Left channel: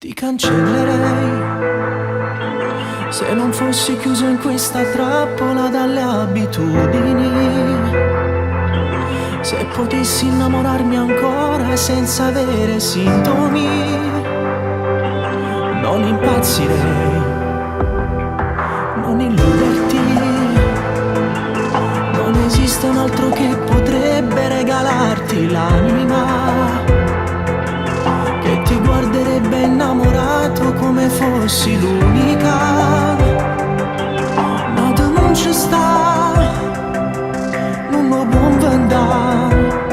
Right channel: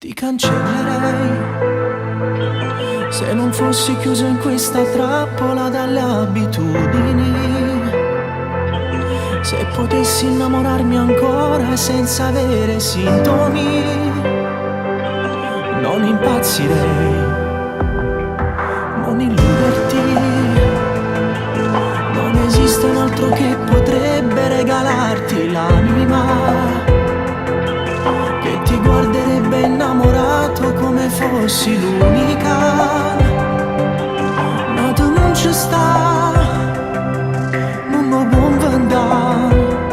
Ti cancellerei se non fossi chiuso in questa trappola dalle abitudini. Se potessi innamorarmi ancora senza avere sintomi, non impazzirei, non illuderti. Non esiste un altro che potrebbe regalarti l'anima, che ti guarderebbe innamorato come fossi l'unica. Ma tu non ci sta, non lo può andare.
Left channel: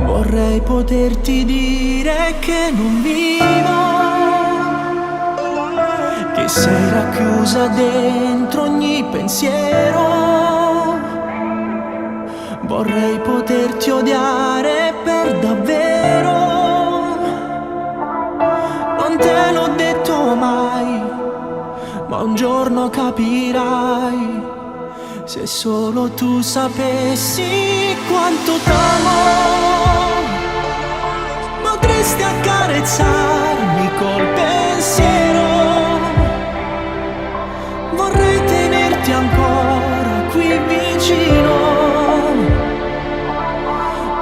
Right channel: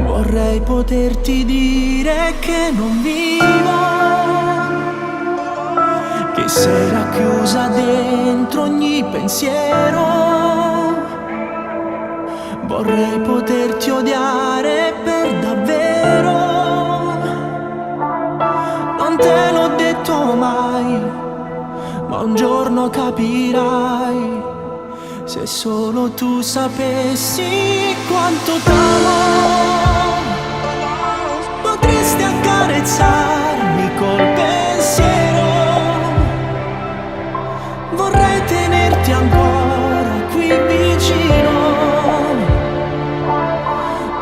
Vorrei poterti dire che non vivo, che sei racchiusa dentro ogni pensiero. Vorrei poterti odiare per davvero. Non te l'ho detto mai, ma un giorno capirai. Se solo tu sapessi quanto t'amo, potresti accarezzarmi col pensiero. Vorrei tenerti ancora qui vicino,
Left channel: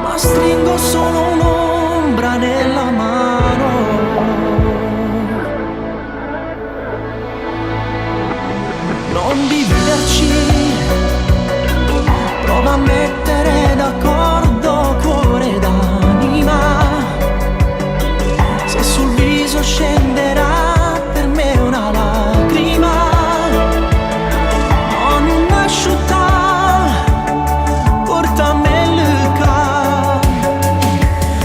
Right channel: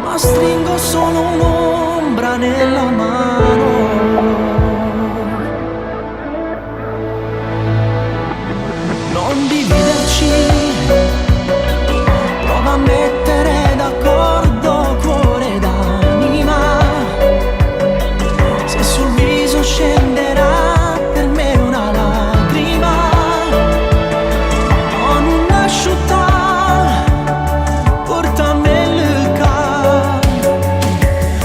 ma stringo solo un'ombra nella mano. Non dividerci, prova a mettere d'accordo cuore ed anima. Se sul viso scenderà per me una lacrima, non asciutta, portami lucca.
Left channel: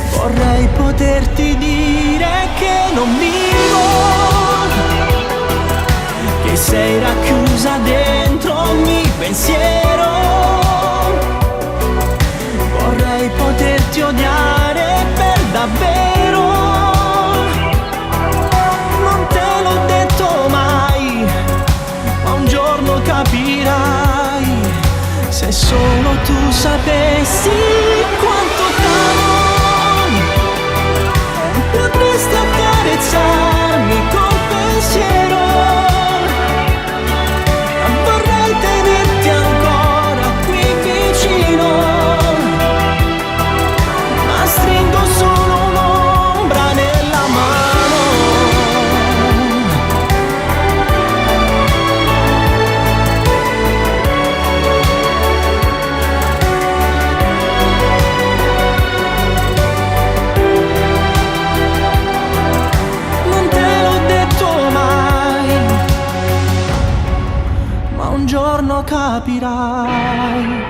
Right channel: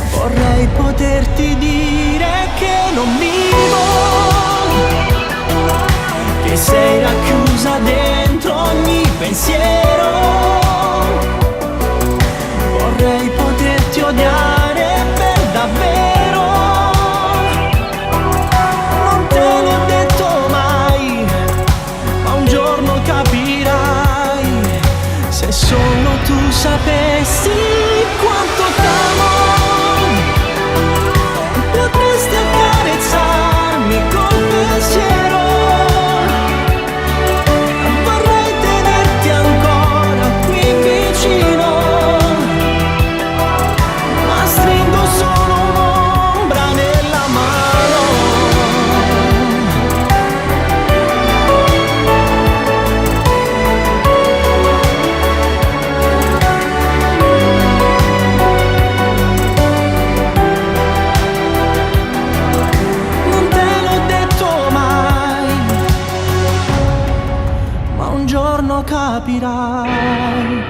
Vorrei poterti dire che non vivo, che sei racchiusa dentro ogni pensiero. Vorrei poterti odiare per davvero. Non te l'ho detto mai, ma un giorno capirai. Se solo tu sapessi quanto t'amo, potresti accarezzarmi col pensiero. Vorrei tenerti ancora qui vicino, ma stringo solo un'ombra nella mano. Non te l'ho detto mai, ma un giorno capirai.